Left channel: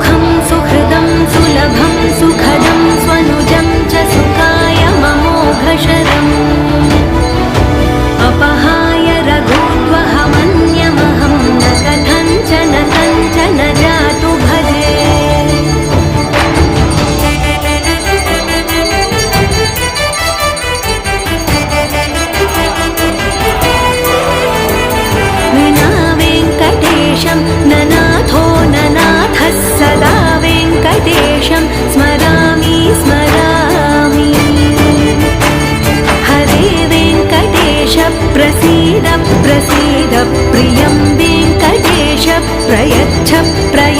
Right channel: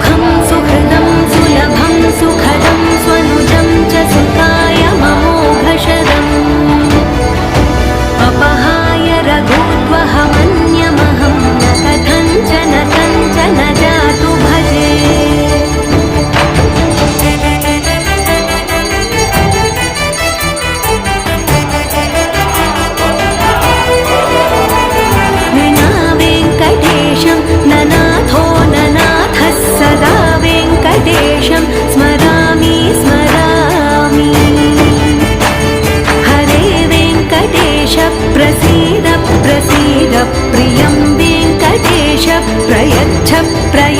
सुखं सुहृदं सुलभं सुखदं स्वनुजं च सुखाय ममोघशरम् अपहाय रघुद्वहमन्यमहं न कथञ्चन जातु भजे। विना वेङ्कटेशं ननाथो ननाथः सदा वेङ्कटेशं स्मरामि स्मरामि। हरे वेङ्कटेश प्रसीद प्रसीद प्रियं वेङ्कटेश प्रयच्छ प्रयच्छ।